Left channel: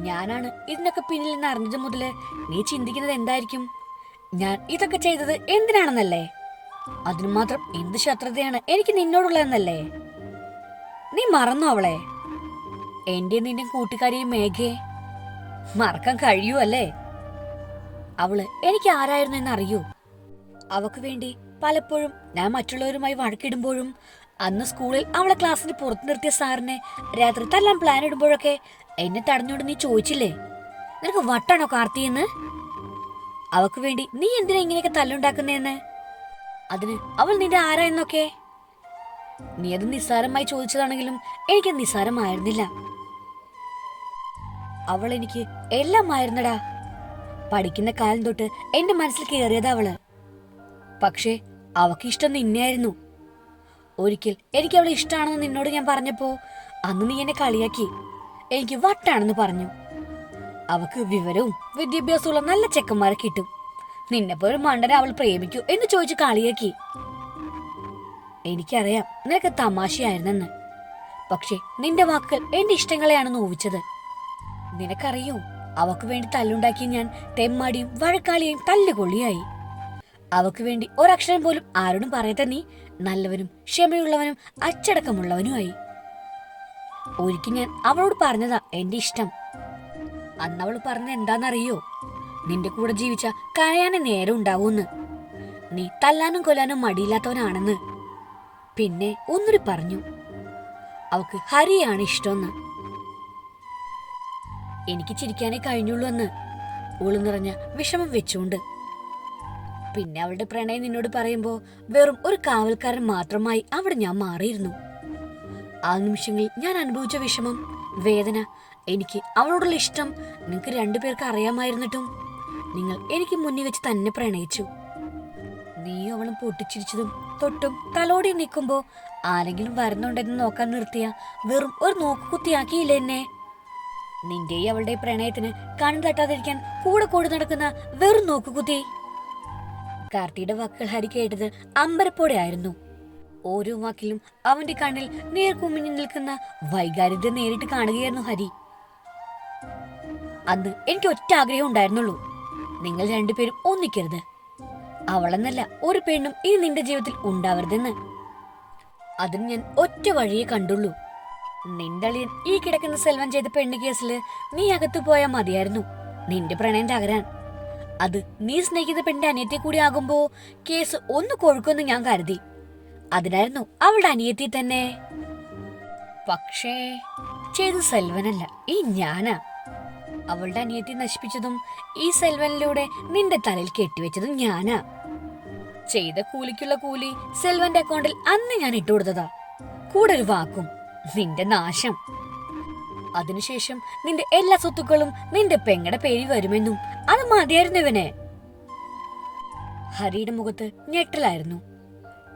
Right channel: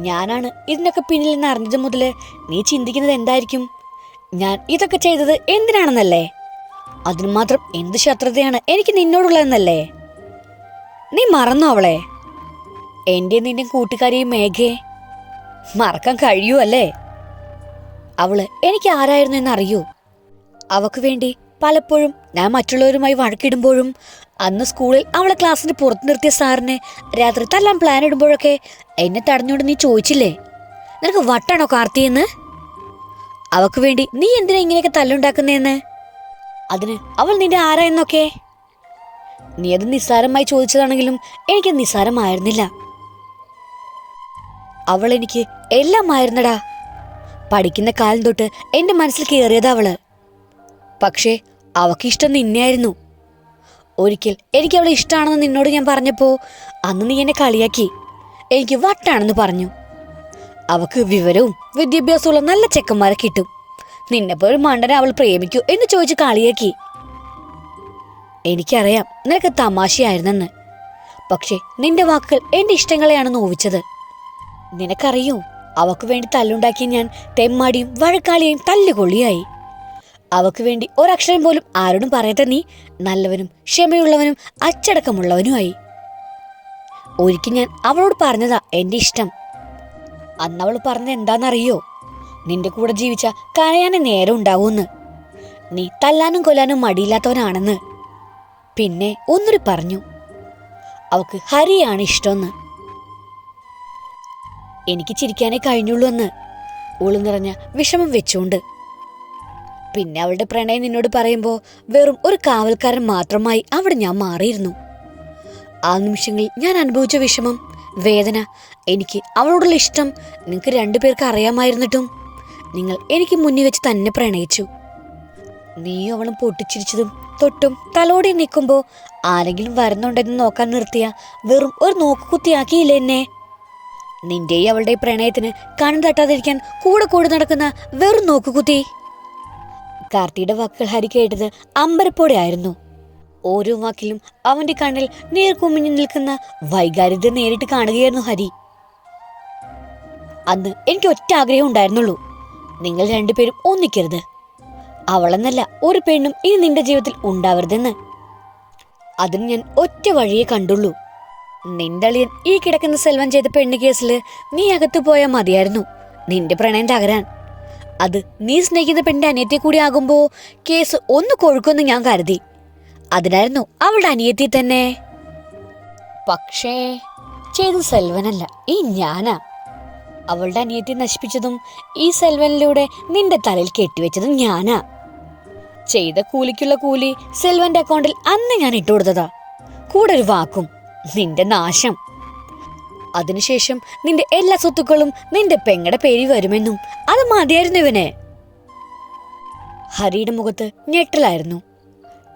ഞാനാണ് ഇതിനൊക്കെ പിന്നിൽ നിന്ന് അറിഞ്ഞത് മുതൽ നീ ചിന്തിക്കുന്നത് എന്തായിരിക്കും? ഞാൻ ഇതൊക്കെ ചെയ്തത് എന്തിനാണെന്നല്ലേ? അതിന് മാത്രം എന്ത് ശത്രുതയാണ് എനിക്ക് നിന്നോടുള്ളതെന്നല്ലേ? നീ മറന്നോ അവളെ? എന്റെ നിന്റെ കൂട്ടുകാരിയും മേഘയെ? മറക്കാൻ കഴിയൂ അല്ലേ? അവൾ എനിക്ക് ആരായിരുന്നു എന്നറിയൂ. അവക്ക് വേണ്ടി പലപ്പോഴും ഞാൻ മറ്റുള്ളവരുമായി വഴക്കിടുമ്പോഴും അന്ന് സ്കൂളിൽ അവളെ ക്ലാസ്സിന് പുറത്തു നിർത്തിയ സാറിനെ രാത്രി തല്ലാൻ പ്ലാൻ ഇടുമ്പോഴൊക്കെ എന്നെ തടഞ്ഞുകൊണ്ട് നീ ചോദിച്ചില്ലേ? നിനക്ക് വട്ടാണോ കാർത്തിയെന്ന് അവക്ക് വേണ്ടി നീ എന്തിനാ ഇങ്ങനെയൊക്കെ തല്ലുണ്ടാക്കുന്നതെന്ന് അതിന് അവൾ നിന്റെ ആരായെന്നൊക്കെ നീ അത് നിസ്സാരമായി ചോദിച്ചതാണെങ്കിലും എനിക്ക് നിസ്സാരമായിരുന്നില്ല. അവൾ എനിക്ക് എല്ലാം എല്ലാമായിരുന്നടാ. പഠിക്കുന്ന കാലം തൊട്ട് എന്റെ മനസ്സിൽ കയറിയതാ അവൾ. പക്ഷേ അവക്കിഷ്ടം നിന്നെയായിരുന്നു. ഒരിക്കൽ എനിക്ക് അവളെ ഇഷ്ടമാണെന്ന് നിന്നോട് ഞാൻ പറഞ്ഞപ്പോ അന്ന് നീ എന്നെ കളിയാക്കി. എനിക്ക് വട്ടാണെന്ന് പറഞ്ഞു. അവക്ക് വിവരവും വിദ്യാഭ്യാസമുള്ള നല്ല ചെക്കന്മാരെ കിട്ടും. നിന്നെപ്പോലെ മണ്ടനെ അവൾ പ്രേമിക്കൂ എന്ന് ചോദിച്ച് കളിയാക്കി. എനിക്കറിയാം നിനക്ക് തമാശയായിരുന്നെന്ന്. പക്ഷേ നിന്റെ വാക്കുകൾ എന്റെ ഇഷ്ടങ്ങളെയാണ് നോവിച്ചത് നിനക്കറിയോ? അവക്ക് വേണ്ടി തല്ലുണ്ടാക്കിയ ഞാൻ തെമ്മാടിയും വഴക്കാളിയും തല്ലുകൊള്ളിയായി. അവക്ക് വേണ്ടി ഒരക്ഷരം പോലും ആരോടും പറയാത്ത നീ. നല്ലവനും ക്ഷമയുള്ളവനും അച്ചടക്കമുള്ളവനുമായി. ഒരിക്കൽ ഞാൻ അവളോട് പറഞ്ഞതാ എന്റെ ഇഷ്ടം. അന്ന് അവൾ പറഞ്ഞത് എന്താണെന്നറിയോ? നിന്റെ കൂടെ ജീവിച്ച കരയാന് നേരം ഉണ്ടാവൂന്ന് നീ തല്ലാനും കൊല്ലാനും മടിയില്ലാത്തവനാണെന്ന്. പിന്നെ ഒന്നൊരു പറഞ്ഞു. അവക്ക് ഹരിയാണ് ഇഷ്ടമെന്ന്. എനിക്ക് ചിരിക്കാനേ കഴിഞ്ഞുള്ളൂ എന്ന്. ഉളു നിറഞ്ഞ വിഷമം വെച്ചുകൊണ്ട് പിന്നെ അവളുടെ പ്രണയം നിന്നോട് പറയുമ്പോൾ വെറും ഒരു കാവൽക്കാരൻ മാത്രമായി അവിടെ ഞാൻ മാറിയിരുന്നു. ആ നിമിഷങ്ങളിൽ ഞാൻ അനുഭവിച്ച വിഷമം വേദന എനിക്ക് അവളോടുള്ള ഇഷ്ടം നിങ്ങൾക്ക് രണ്ടുപേർക്ക് അറിയാമായിരുന്നിട്ടും നിങ്ങൾ എനിക്ക് മുന്നിൽ വെച്ച് തന്നെ പ്രണയിച്ചു. നീയും അവളും പൊട്ടിച്ചിരിച്ചതും തൊട്ടും തലോടി നിൽക്കുമ്പോൾ ആരെങ്കിലും വരുന്നുണ്ടെന്ന് നോക്കാൻ നിർത്തിയ വെറും ഒരു നോക്കുകുത്തിയാക്കിയില്ല എന്നെ? നിന്റെയും അവളുടെ പ്രണയത്തിന് കണ്ണു തട്ടാതിരിക്കാൻ കൂടെ കൂടെ നടക്കുന്ന വെറും നോക്കുകുത്തി. കാർത്തിയുടെ വാക്കുകൾ ഹരി കേട്ടത് അമ്പരപ്പോടെ ആയിരുന്നു. ഓരോ വാക്കിലും അവന്റെ കണ്ണിൽ നേർക്കുമിഞ്ഞു നിൽക്കുന്ന വൈകാരിത നേരിട്ട് കാണുകയായിരുന്നു ഹരി. അന്ന് എനിക്ക് ഒറ്റ ആഗ്രഹം ഉണ്ടായിരുന്നുള്ളൂ. നിങ്ങൾ രണ്ടുപേരും ഒന്നിക്കരുത്. അവളെന്നല്ല ഒരു പെണ്ണും ഇനി നിന്റെ ജീവിതത്തിൽ ഉണ്ടാവരുതെന്ന്. അതിന് ഞാൻ ഒറ്റ വഴിയെ കണ്ടുള്ളൂ. നിന്റെ അളിയൻ ഈ കിടക്കുന്ന സെൽവൻ ചെയ്ത പെണ്ണ് കേസിൽ നീ അകത്തു പോയാൽ മതിയായിരുന്നു. നിന്റെ പ്രണയം തകരാൻ. അത് നീ സ്നേഹിക്കുന്ന പെണ്ണിന്റെ അനിയത്തി കൂടി ആകുമ്പോ കേസ് ഒന്ന് കൊഴുക്കുമെന്ന് ഞാൻ കരുതി. അതിനായിരുന്നു അവളുടെ അനിയത്തി തന്നെ. പക്ഷേ ചെയ്ത് സെൽവനല്ല ഈ ഞാനാ. അവളുടെ അനിയത്തി നശിപ്പിച്ചതും ഈ സെൽവനിലൂടെ നിന്റെ തലയിൽ കെട്ടിവെച്ചതും ഞാനാ. ചെയ്ത കൂലിക്കുള്ള കൂലി സെൽവന്റെ അക്കൗണ്ടിൽ അന്ന് ഞാൻ ഇട്ടുകൊടുത്തതാ. കൂടെ ഒരു വാക്കും നിന്റെ നാശം. അതിനുശേഷം നിന്റെ എല്ലാ സ്വത്തുക്കളും നിന്റെ പെങ്ങടെ പേരിൽ വരുമെന്നും അത് മതിയായിരുന്നു ഇവന്. ഹരിയുടെ മുഖത്ത് ഞെട്ടലായിരുന്നു.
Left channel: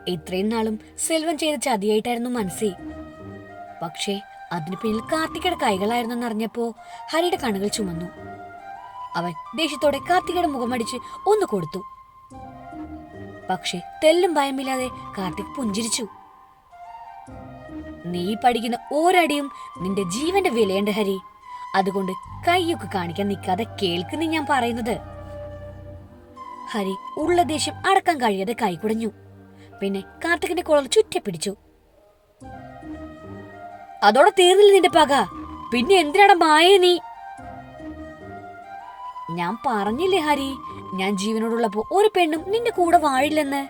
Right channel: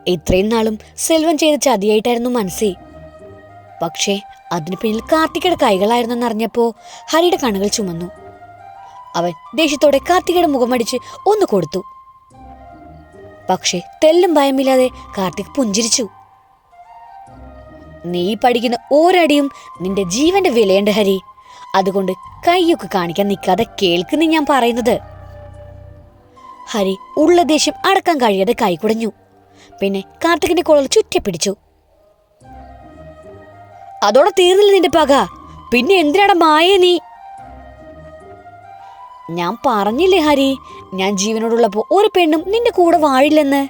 ഇത്രയും നാളും സെൽവൻ ചെയ്ത ചതിയായിട്ടായിരുന്നു മനസ്സി. പക്ഷേ അതിനു പിന്നിൽ കാർത്തികയുടെ കൈകളായിരുന്നെന്ന് അറിഞ്ഞപ്പോ ഹരിയുടെ കണ്ണുകൾ ചുമന്നു. അവൻ ദേഷ്യത്തോടെ കാർത്തികയുടെ മുഖമടിച്ച് ഒന്ന് കൊടുത്തു. പക്ഷേ തെല്ലും ഭയമില്ലാതെ കാർത്തിക് പുഞ്ചിരിച്ചു. നീ പഠിക്കുന്ന ഓരടിയും നിന്റെ ജീവന്റെ വിലയുണ്ട് ഹരി. അതുകൊണ്ട് കൈയൊക്കെ കാണിക്കാൻ നിൽക്കാതെ കേൾക്കുന്നു ഞാൻ പറയുന്നത്. ഹരി ഉള്ള ദേഷ്യം അടക്കാൻ കഴിയാതെ കൈകുടഞ്ഞു പിന്നെ കാർത്തികിന്റെ ചുറ്റി പിടിച്ചു അതോടെ തീർന്നില്ല നിന്റെ പക. പിന്നെ എന്തിനാണ് മായ നീ? ഞാൻ പറഞ്ഞില്ലേ ഹരി ഞാൻ ജീവനോടുള്ളപ്പോ ഒരു പെണ്ണും നിന്റെ കൂടെ വാഴില്ലെന്ന്.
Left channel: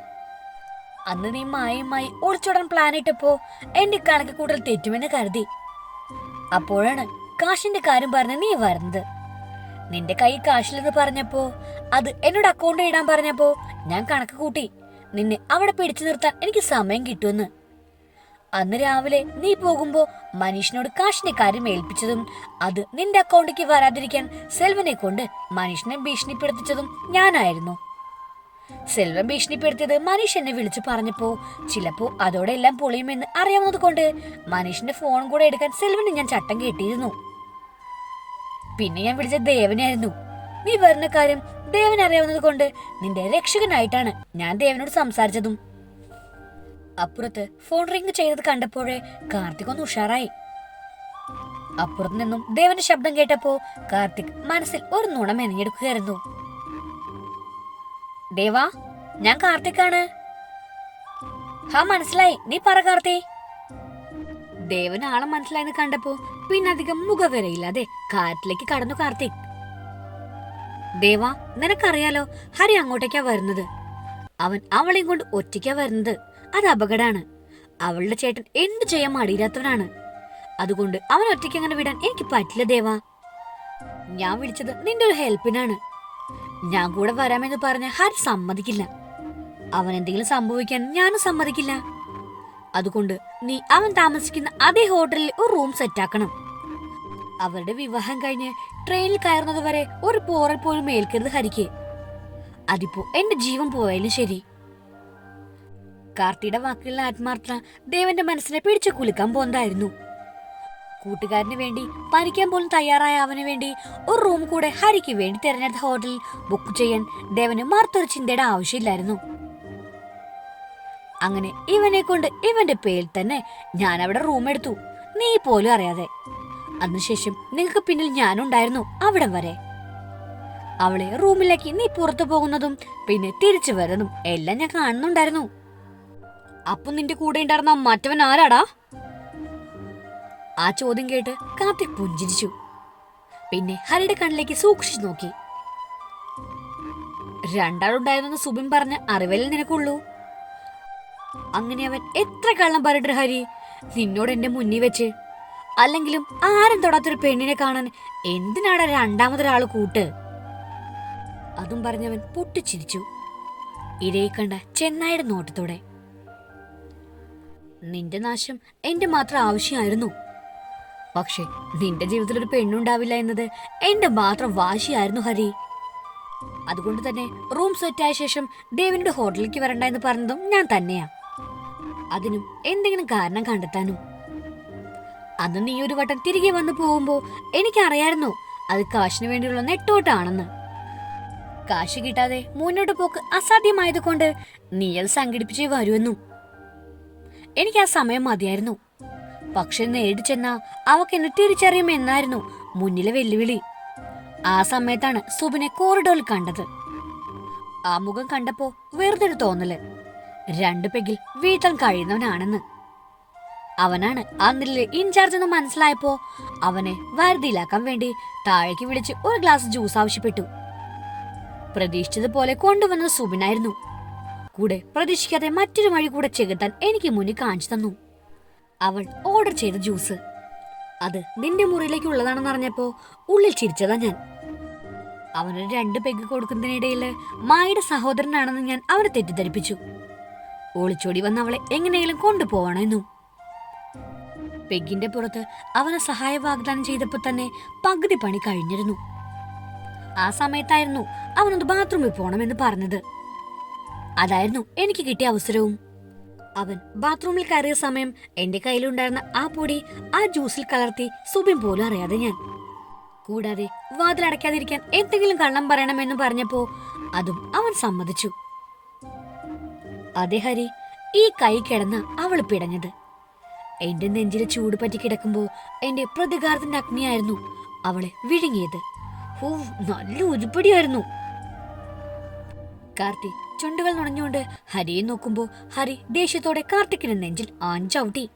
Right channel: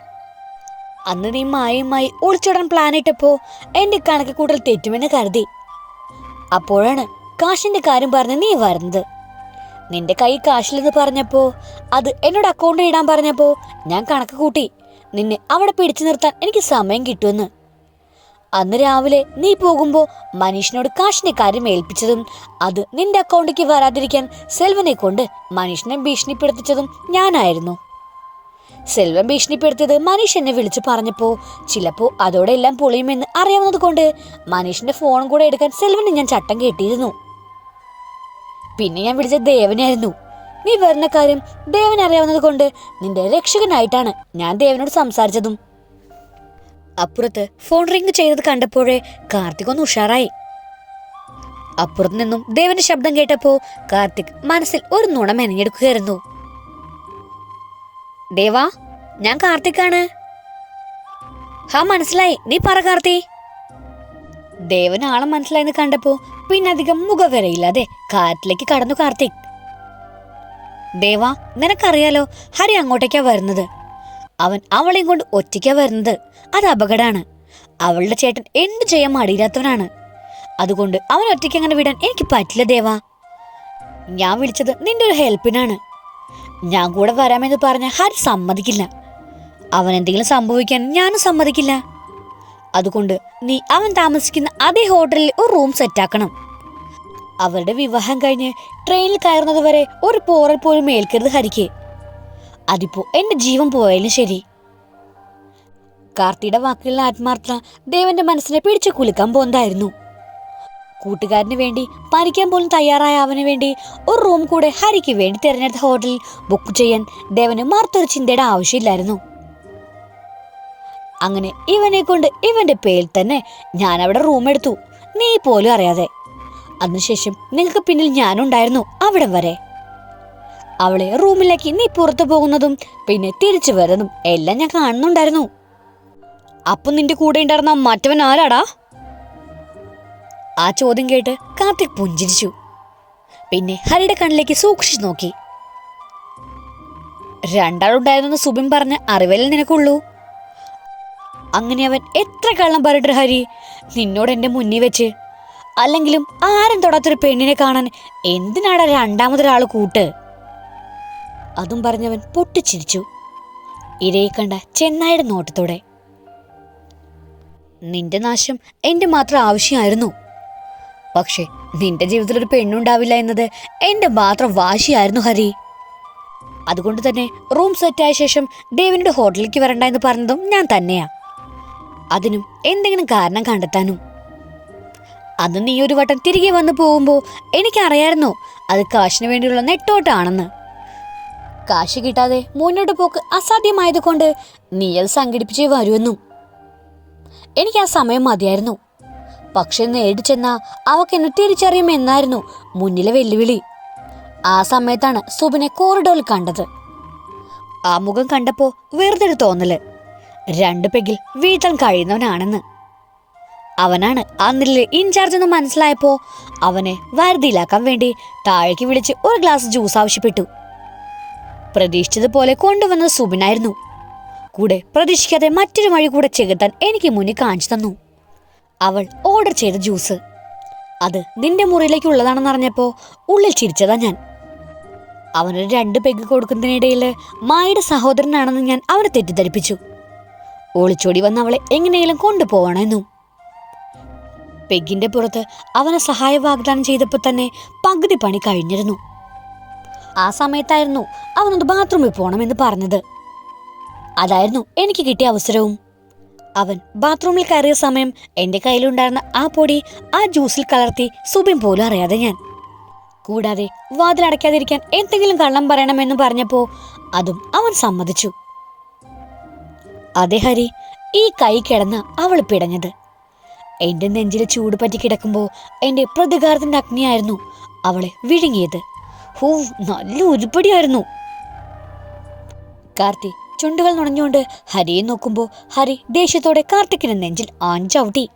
അന്ന് നീ മായയുമായി ഒളിച്ചോടാൻ പ്ലാൻ ഇട്ടപ്പോ എന്റെ കണക്ക് കൂട്ടൽ തെറ്റുമെന്ന് കരുതി. അപ്പോഴാണ് കാശിന്റെ കാര്യം പറഞ്ഞ് നീ വരുന്നത്. നിന്റെ കൈ കാശില്ലെന്ന് പറഞ്ഞപ്പോ അത് എന്നോട് അക്കൗണ്ട് ഇടാൻ പറഞ്ഞപ്പോ ഞാൻ കണക്ക് കൂട്ടി നിന്നെ അവിടെ പിടിച്ചു നിർത്താൻ എനിക്ക് സമയം കിട്ടുമെന്ന്. അന്ന് രാവിലെ നീ പോകുമ്പോ മനീഷിനോട് കാശിന്റെ കാര്യം ഏൽപ്പിച്ചതും അത് നിന്റെ അക്കൗണ്ടിലേക്ക് വരാതിരിക്കാൻ സെൽവനെ കൊണ്ട് മനീഷിനെ ഭീഷണിപ്പെടുത്തിച്ചതും ഞാനായിരുന്നു. സെൽവൻ ഭീഷണിപ്പെടുത്തിയത് മനീഷ് എന്നെ വിളിച്ചു പറഞ്ഞപ്പോ. ചിലപ്പോ അതോടെ എല്ലാം പൊളിയുമെന്ന് അറിയാവുന്നത് കൊണ്ട് മനീഷിന്റെ ഫോൺ കൂടെ എടുക്കാൻ സെൽവന് ഞാൻ ചട്ടം കേട്ടിരുന്നു പിന്നെ ഞാൻ വിളിച്ച ദേവനായിരുന്നു. നീ വരുന്ന കാര്യം ദേവൻ അറിയാവുന്നത് കൊണ്ട് നിന്റെ രക്ഷകനായിട്ടാണ് ഞാൻ ദേവനോട് സംസാരിച്ചതും. അപ്പുറത്ത് ഫോൺ റിംഗ് ചെയ്തത് കണ്ടപ്പോഴേ കാർത്തിക് ഒന്ന് ഉഷാറായി. അപ്പുറത്തു നിന്നും ദേവന്റെ ശബ്ദം കേട്ടപ്പോ കാർത്തിക് മനസ്സിൽ ഒരു നുണ മെനഞ്ഞെടുക്കുകയായിരുന്നു. ദേവാ ഞാൻ കാർത്തിക്കാണ്. ഹാ മനസ്സിലായി. നീ പറ കാർത്തി. ദേവന് ആളെ മനസ്സിലായെന്ന് കണ്ടപ്പോ പിന്നെ അധികം മുഖവരയില്ലാതെ കാറ്റിലേക്ക് കടന്നു കാർത്തിക് ദേവാ നിനക്കറിയാലോ ഹരി അങ്ങോട്ടേക്കാ വരുന്നത്. അവൻ അവളെയും കൊണ്ട് ഒറ്റയ്ക്കാ വരുന്നത്. അത് അപകടമാണ് അവളുടെ ചേട്ടൻ എന്തു ചെയ്യാൻ മടിയില്ലാത്തവനാണ്. അതുകൊണ്ട് അവൻ ഒറ്റയ്ക്ക് അങ്ങനെ വിടാൻ എനിക്ക് പറ്റില്ല ദേവാ. ഞാൻ വിളിച്ചത് നിന്റെ ഒരു ഹെൽപ്പിനാണ്. ഞാൻ കൂടെ വരാമെന്ന് പറഞ്ഞ ഹരി സമ്മതിക്കില്ല. അവൻ എന്തെങ്കിലും സംഭവിക്കാൻ ഞാനും സമ്മതിക്കില്ല. അതുകൊണ്ട് നീ അവൻ താമസിക്കുന്ന അതേ ഹോട്ടലിൽ ഒരു റൂം സെറ്റാക്കണം. അവരുടെ വിവാഹം കഴിഞ്ഞ് ട്രെയിനിൽ കയറുന്നത് വരെ ഒരു പോറൽ പോലും ഏൽക്കരുത് ഹരിക്ക്. അതിപ്പോ എന്റെ ജീവൻ പോയാലും ശരി. കാർത്തിയുടെ വാക്കുകളിലെ ആത്മാർത്ഥത ദേവന്റെ മനസ്സിനെ പിടിച്ചു കുലുക്കാൻ പോകുന്നതായിരുന്നു കൂട്ടുകാരന് വേണ്ടി മരിക്കാൻ പോലും തയ്യാറായ അവന് വേണ്ടി ഒരു റൂം കൂടെ ഹരിക്ക് വേണ്ടി തിരഞ്ഞെടുത്ത ഹോട്ടലിൽ ബുക്ക് ചെയ്യാൻ ദേവന് മറുത്തൊരു ചിന്തയുടെ ആവശ്യമില്ലായിരുന്നു. അങ്ങനെ ഇവനെ കൊണ്ട് ഇവന്റെ പേരിൽ തന്നെ ഞാൻ അവിടെ റൂം എടുത്തു. നീ പോലും അറിയാതെ. അതിനുശേഷം നിങ്ങൾക്ക് പിന്നിൽ ഞാനുണ്ടായിരുന്നു അവിടം വരെ. അവളെ റൂമിലേക്ക് നീ പുറത്തു പോകുന്നതും പിന്നെ തിരിച്ചു വരുന്നതും എല്ലാം ഞാൻ കാണുന്നുണ്ടായിരുന്നു. അപ്പൊ നിന്റെ കൂടെ ഉണ്ടായിരുന്ന മറ്റവൻ ആരാടാ? ആ ചോദ്യം കേട്ട് കാർത്തിക് പുഞ്ചിരിച്ചു. പിന്നെ ഹരിയുടെ കണ്ണിലേക്ക് സൂക്ഷിച്ചു നോക്കി. രണ്ടാളുണ്ടായിരുന്നു സുബിൻ പറഞ്ഞ അറിവല്ലേ നിനക്കുള്ളൂ? അങ്ങനെ അവൻ എത്ര കള്ളം പറഞ്ഞിട്ട് ഹരി? നിന്നോട് എന്റെ മുന്നിൽ വെച്ച്. അല്ലെങ്കിലും ആരും തൊടാത്തൊരു പെണ്ണിനെ കാണാൻ എന്തിനാടാ രണ്ടാമതൊരാൾ കൂട്ട്? അതും പറഞ്ഞവൻ പൊട്ടിച്ചിരിച്ചു. ഇരയെ കണ്ട ചെന്നായുടെ നോട്ടത്തോടെ. നിന്റെ നാശം എന്റെ മാത്രം ആവശ്യമായിരുന്നു. പക്ഷേ നിന്റെ ജീവിതത്തിൽ ഒരു പെണ്ണുണ്ടാവില്ല എന്നത് എന്റെ മാത്രം വാശിയായിരുന്നു ഹരി. അതുകൊണ്ട് തന്നെ റൂം സെറ്റായ ശേഷം ദേവിനുടെ ഹോട്ടലിലേക്ക് വരണ്ട എന്ന് പറഞ്ഞതും ഞാൻ തന്നെയാ. അതിനും എന്തെങ്കിലും കാരണം കണ്ടെത്താനും. അന്ന് നീ ഒരു വട്ടം തിരികെ വന്നു പോകുമ്പോ എനിക്കറിയായിരുന്നു അത് കാശിന് വേണ്ടിയുള്ള നെട്ടോട്ടാണെന്ന്. കാശ് കിട്ടാതെ മുന്നോട്ട് പോക്ക് അസാധ്യമായതുകൊണ്ട് നീ അത് സംഘടിപ്പിച്ചേ വരുമെന്നും. എനിക്ക് ആ സമയം മതിയായിരുന്നു. പക്ഷെ നേടി ചെന്ന അവക്ക് എന്നെ തിരിച്ചറിയുമെന്നായിരുന്നു മുന്നിലെ വെല്ലുവിളി. ആ സമയത്താണ് സുബിനെ കോറിഡോറിൽ കണ്ടത്. ആ മുഖം കണ്ടപ്പോ വെറുതെ തോന്നൽ. രണ്ടു പെഗിൽ വീഴ്ത്താൻ കഴിയുന്നവനാണെന്ന്. അവനാണ് ആ ഇൻചാർജ് എന്ന് മനസ്സിലായപ്പോ അവനെ വരുതിയിലാക്കാൻ വേണ്ടി താഴേക്ക് വിളിച്ച് ഒരു ഗ്ലാസ് ജ്യൂസ് ആവശ്യപ്പെട്ടു. പ്രതീക്ഷിച്ചതുപോലെ കൊണ്ടുവന്നത് സുബിനായിരുന്നു. കൂടെ പ്രതീക്ഷിക്കാതെ മറ്റൊരു വഴി കൂടെ ചെകുത്താൻ എനിക്ക് മുന്നിൽ കാണിച്ചു തന്നു. അവൾ ഓർഡർ ചെയ്ത ജ്യൂസ് അത് നിന്റെ മുറിയിലേക്ക് ഉള്ളതാണെന്ന് അറിഞ്ഞപ്പോ ഉള്ളിൽ ചിരിച്ചതാ ഞാൻ. അവനൊരു രണ്ട് പെഗ് കൊടുക്കുന്നതിനിടയിൽ മായയുടെ സഹോദരനാണെന്ന് ഞാൻ അവനെ തെറ്റിദ്ധരിപ്പിച്ചു. ഒളിച്ചോടി വന്ന് അവളെ എങ്ങനെയെങ്കിലും കൊണ്ടുപോവണമെന്നു പെഗിന്റെ പുറത്ത് അവനെ സഹായ വാഗ്ദാനം ചെയ്തപ്പോൾ തന്നെ പകുതി പണി കഴിഞ്ഞിരുന്നു. ആ സമയത്തായിരുന്നു അവനൊന്ന് ബാത്റൂമിൽ പോകണമെന്ന് പറഞ്ഞത്. അതായിരുന്നു എനിക്ക് കിട്ടിയ അവസരവും. അവൻ ബാത്റൂമിൽ കയറിയ സമയം എന്റെ കയ്യിലുണ്ടായിരുന്ന ആ പൊടി ആ ജ്യൂസിൽ കലർത്തി സുബിൻ പോലും അറിയാതെ ഞാൻ. കൂടാതെ വാതിലടയ്ക്കാതിരിക്കാൻ എന്തെങ്കിലും കള്ളം പറയണമെന്ന് പറഞ്ഞപ്പോ അതും അവൻ സമ്മതിച്ചു. അതെ ഹരി ഈ കൈ കിടന്ന അവൾ പിടഞ്ഞത്. എന്റെ നെഞ്ചിൽ ചൂട് പറ്റി കിടക്കുമ്പോ എന്റെ പ്രതികാരത്തിന്റെ അഗ്നിയായിരുന്നു അവളെ വിഴുങ്ങിയത്. ഹൂ നല്ല ഉരുപ്പടിയായിരുന്നു. കാർത്തി ചുണ്ടുകൾ നുണഞ്ഞുകൊണ്ട് ഹരിയെ നോക്കുമ്പോൾ ഹരി ദേഷ്യത്തോടെ കാർത്തിക്കിന് നെഞ്ചിൽ ആഞ്ചവിട്ടി.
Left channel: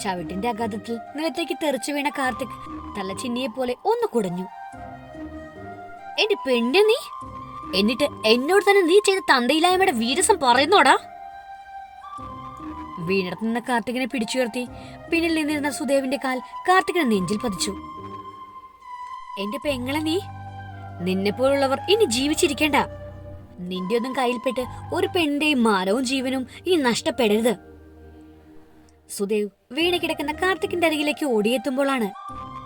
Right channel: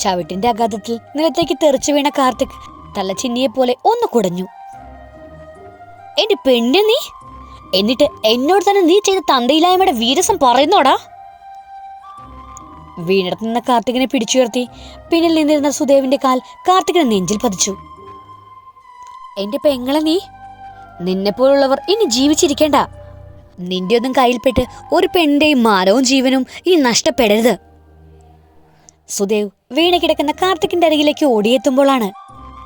ചവിട്ടിന്റെ അഗാധത്തിൽ നിലത്തേക്ക് തെറിച്ചു വീണ കാർത്തിക് തല തലച്ചിന്നിയെ പോലെ ഒന്ന് കുടഞ്ഞു. എന്റെ പെണ്ണ് നീ? എന്നിട്ട് എന്നോട് തന്നെ നീ ചെയ്ത തന്തയിലായ്മയുടെ വീരസം പറയുന്നോടാ? വീണിടത്ത് നിന്ന കാർത്തികിനെ പിടിച്ചുയർത്തി പിന്നിൽ നിന്നിരുന്ന സുദേവിന്റെ കാൽ കാർത്തികിനെ നെഞ്ചിൽ പതിച്ചു. എന്റെ പെങ്ങളെ നീ നിന്നെപ്പോലുള്ളവർ ഇനി ജീവിച്ചിരിക്കേണ്ട. നിന്റെ ഒന്നും കയ്യിൽപ്പെട്ട് ഒരു പെണ്ണിന്റെയും മാനവും ജീവനും ഈ നഷ്ടപ്പെടരുത്. സുദേവ് വീണ് കിടക്കുന്ന കാർത്തിക്കിന്റെ അരികിലേക്ക് ഓടിയെത്തുമ്പോഴാണ്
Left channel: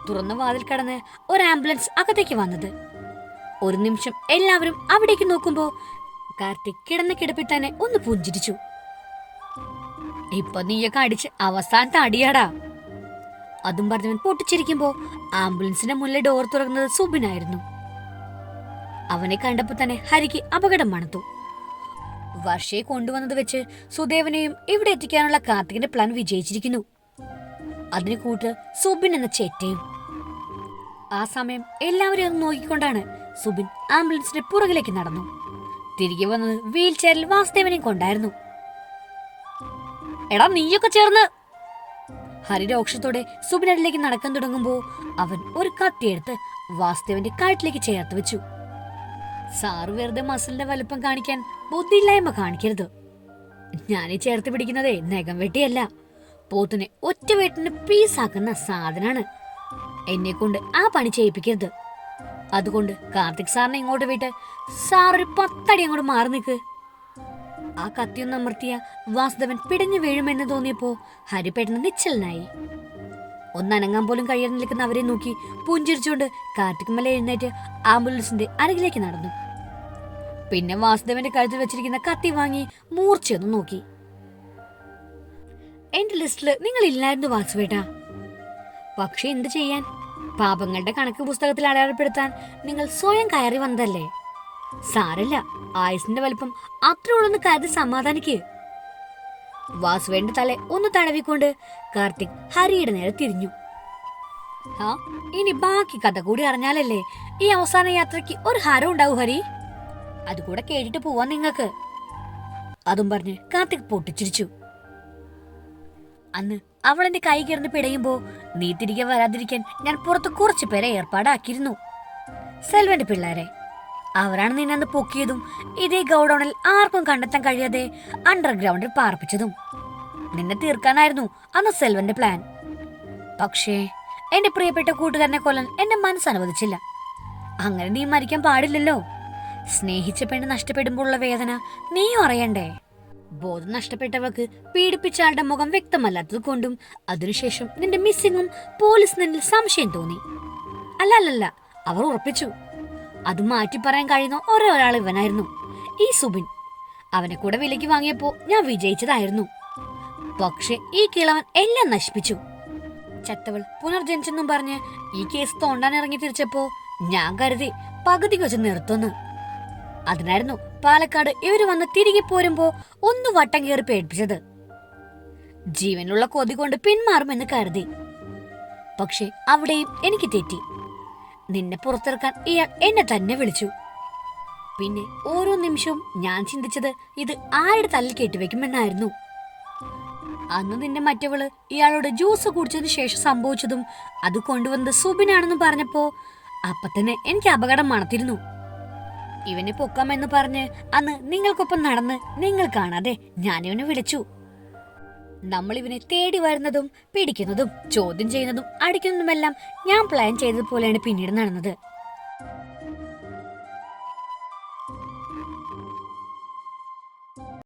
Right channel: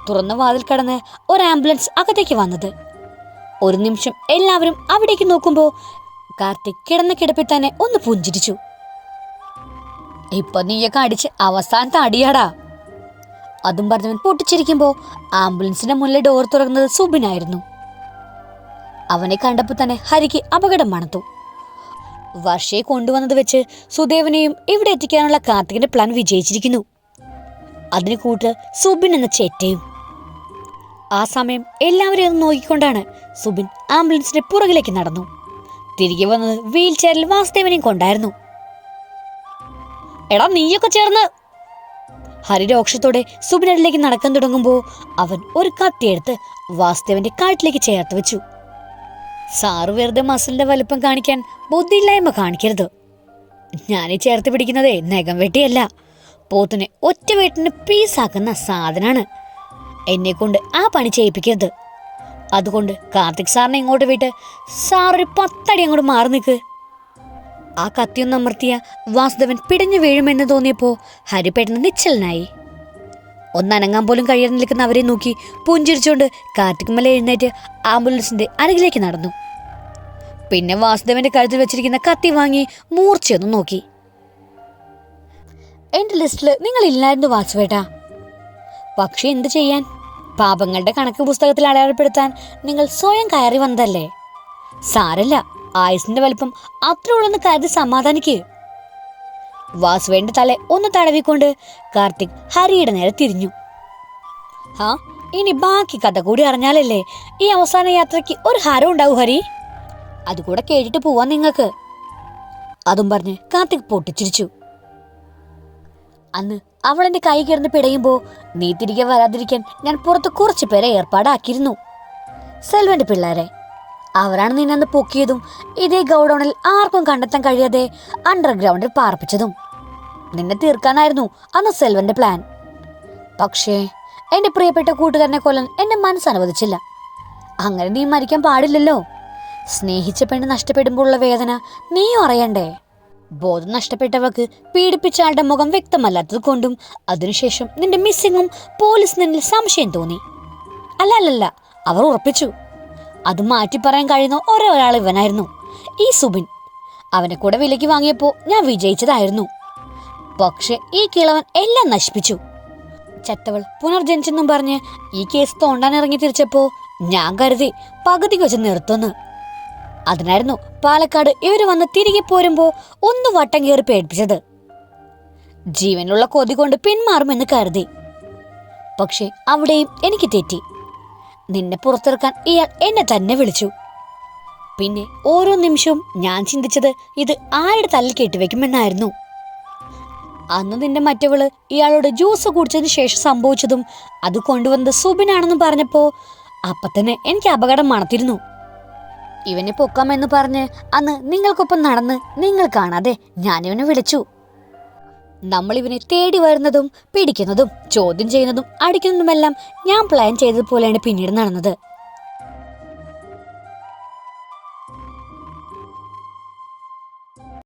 തുറന്ന വാതിൽ കടന്ന് ഒരു ആംബുലൻസ് അകത്തേക്ക് വന്നത്. ഒരു നിമിഷം എല്ലാവരും അവിടേക്ക് നോക്കുമ്പോ കാർത്തിക് കിടന്ന കിടപ്പിൽ തന്നെ ഒന്ന് പുഞ്ചിരിച്ചു. ഇപ്പൊ നീയൊക്കെ അടിച്ച് അവസാനത്തെ അടിയാടാ. അതും പറഞ്ഞവൻ പൊട്ടിച്ചിരിക്കുമ്പോ ആംബുലൻസിന്റെ മുന്നിലെ ഡോർ തുറക്കുന്നത് സുബിനായിരുന്നു. അവനെ കണ്ടപ്പോൾ തന്നെ ഹരിക്ക് അപകടം മണത്തു. വർഷയെ കൊണ്ടുവന്നത് വെച്ച് സുദേവനെയും ഇവിടെ എത്തിക്കാനുള്ള കാർത്തികിന്റെ പ്ലാൻ വിജയിച്ചിരിക്കുന്നു. അതിന് കൂട്ട് സുബിൻ എന്ന ചേറ്റയും ആ സമയം എല്ലാവരെയും നോക്കിക്കൊണ്ടാണ് സുബിൻ ആംബുലൻസിന്റെ പുറകിലേക്ക് നടന്നു. തിരികെ വന്നത് വീൽ ചെയറിൽ വാസുദേവനെയും കൊണ്ടായിരുന്നു. എടാ നീയൊക്കെ ചേർന്ന്. ഹരി രോക്ഷത്തോടെ സുബിനടിലേക്ക് നടക്കാൻ തുടങ്ങുമ്പോൾ അവൻ ഒരു കത്തിയെടുത്ത് വാസുദേവന്റെ കാട്ടിലേക്ക് ചേർത്ത് വെച്ചു. സാറ് വെറുതെ മസിലിന്റെ വലുപ്പം കാണിക്കാൻ ബുദ്ധിയില്ലായ്മ കാണിക്കരുത്. ഞാനീ ചേർത്ത് പിടിക്കുന്നതേ നഖം വെട്ടിയല്ല. പോത്തിനെ ഒറ്റ വെട്ടിന് പീസാക്കുന്ന സാധനാണ്. എന്നെ കൊണ്ട് ആ പണി ചെയ്യിപ്പിക്കരുത്. അതുകൊണ്ട് കാർത്തിക് സാറിനെ ഇങ്ങോട്ട് വിട്ട് സാറൊരു പത്തടി അങ്ങോട്ട് മാറി നിൽക്ക് ആ കത്തിയൊന്നമർത്തിയ വാസുദേവൻ പിടഞ്ഞു വീഴുമെന്ന് തോന്നിയപ്പോ ഹരി പെട്ടെന്ന് നിശ്ചലനായി. ഒന്നനങ്ങാൻ പോലും കഴിയാതെ നിൽക്കുന്ന അവരെ നോക്കി പുഞ്ചിരിച്ചുകൊണ്ട് കാർത്തിക് മല എഴുന്നേറ്റ് ആംബുലൻസിന്റെ അരികിലേക്ക് നടന്നു. പിന്നെ വാസുദേവന്റെ കഴുത്തിൽ വെച്ചിരിക്കുന്ന കത്തി വാങ്ങി മൂർച്ചയൊന്ന് നോക്കി. എന്റെ നിങ്ങൾ ഇല്ലായിരുന്നു വാസുവേട്ടാ. പക്ഷെ എന്ത് ചെയ്യാൻ? പാപങ്ങളുടെ കണക്ക് പുസ്തകത്തിൽ അടയാളപ്പെടുത്താൻ നിങ്ങൾ സ്വയം കയറി വന്നതല്ലേ? സാരല്ല ആയുസിന്റെ വലിപ്പം അത്ര ഉള്ളെന്ന് കരുതി സമാധാനിക്ക്. വാസുവേന്റെ തല ഒന്ന് തടവിക്കൊണ്ട് കാർത്തിക് ഹരിയുടെ നേരെ തിരിഞ്ഞു. ആ ഇനി ബാക്കി കഥ കൂടി അറിഞ്ഞാലല്ലേ ഈ അവസാന യാത്രയ്ക്ക് ഒരു ഹരം ഉണ്ടാവും ഹരി? അതുകൂടെ കേട്ടിട്ട് പോവാൻ നിങ്ങൾക്ക്. അതും പറഞ്ഞ് കാർത്തിക് പൊട്ടിച്ചിരിച്ചു. അന്ന് അവൾ എന്റെ കൈ കിടന്ന് പിടയുമ്പോ നീ തിരികെ വരാതിരിക്കാൻ ഞാൻ പുറത്ത് കുറച്ചു പേരെ ഏർപ്പാടാക്കിയിരുന്നു. സെൽവന്റെ പിള്ളേരെ അവരാണ് നിന്നെ പൊക്കിയതും. ഇതേ ഗൗഡൌണിൽ ആർക്കും കണ്ടെത്താൻ കഴിയാതെ അണ്ടർഗ്രൗണ്ടിൽ പാർപ്പിച്ചതും. നിന്നെ തീർക്കാനായിരുന്നു അന്ന് സെൽവന്റെ പ്ലാൻ പക്ഷേ എന്റെ പ്രിയപ്പെട്ട കൂട്ടുകാരനെ കൊല്ലാൻ എന്റെ മനസ്സ് അനുവദിച്ചില്ല അങ്ങനെ നീ മരിക്കാൻ പാടില്ലല്ലോ. സ്നേഹിച്ച പെണ്ണ് നഷ്ടപ്പെടുമ്പോഴുള്ള വേദന നീയും അറിയണ്ടേ? ബോധം നഷ്ടപ്പെട്ടവർക്ക് പീഡിപ്പിച്ച ആളുടെ മുഖം വ്യക്തമല്ലാത്തത് കൊണ്ടും അതിനുശേഷം നിന്റെ മിസ്സിങ്ങും പോലീസ് നിന്നിൽ സംശയം തോന്നി. അല്ല അല്ലല്ല അവർ ഉറപ്പിച്ചു. അത് മാറ്റി പറയാൻ കഴിയുന്ന ഒരേ ഒരാൾ ഇവനായിരുന്നു. ഈ സുബിൻ. അവനെ കൂടെ വിലയ്ക്ക് വാങ്ങിയപ്പോ ഞാൻ വിജയിച്ചതായിരുന്നു. പക്ഷെ ഈ കിളവൻ എല്ലാം നശിപ്പിച്ചു. ചത്തവൾ പുനർജനിച്ചെന്നും പറഞ്ഞ് ഈ കേസ് തോണ്ടാൻ ഇറങ്ങി തിരിച്ചപ്പോ ഞാൻ കരുതി പകുതി വെച്ച് നിർത്തുന്നു. അതിനായിരുന്നു പാലക്കാട് ഇവർ വന്ന് തിരികെ പോരുമ്പോ ഒന്ന് വട്ടം കയറി പേടിപ്പിച്ചത്. ജീവനുള്ള കൊതി കൊണ്ട് പിന്മാറുമെന്ന് കരുതി. പക്ഷെ അവിടെയും എനിക്ക് തെറ്റി. നിന്നെ പുറത്തിറക്കാൻ ഇയാൾ എന്നെ തന്നെ വിളിച്ചു. പിന്നെ ഓരോ നിമിഷവും ഞാൻ ചിന്തിച്ചത് ഇത് ആരുടെ തല്ലിൽ കെട്ടിവെക്കുമെന്നായിരുന്നു അന്ന് നിന്റെ മറ്റവൾ ഇയാളോട് ജ്യൂസ് കുടിച്ചതിന് ശേഷം സംഭവിച്ചതും അത് കൊണ്ടുവന്നത് സുബിനാണെന്ന് പറഞ്ഞപ്പോ അപ്പത്തന്നെ എനിക്ക് അപകടം മണത്തിരുന്നു. ഇവനെ പൊക്കാമെന്ന് പറഞ്ഞ് അന്ന് നിങ്ങൾക്കൊപ്പം നടന്ന് നിങ്ങൾ കാണാതെ ഞാനിവനെ വിളിച്ചു. നമ്മൾ ഇവനെ തേടി വരുന്നതും പിടിക്കുന്നതും ചോദ്യം ചെയ്യുന്നതും അടിക്കുന്നതുമെല്ലാം ഞാൻ പ്ലാൻ ചെയ്തതുപോലെയാണ് പിന്നീട് നടന്നത്.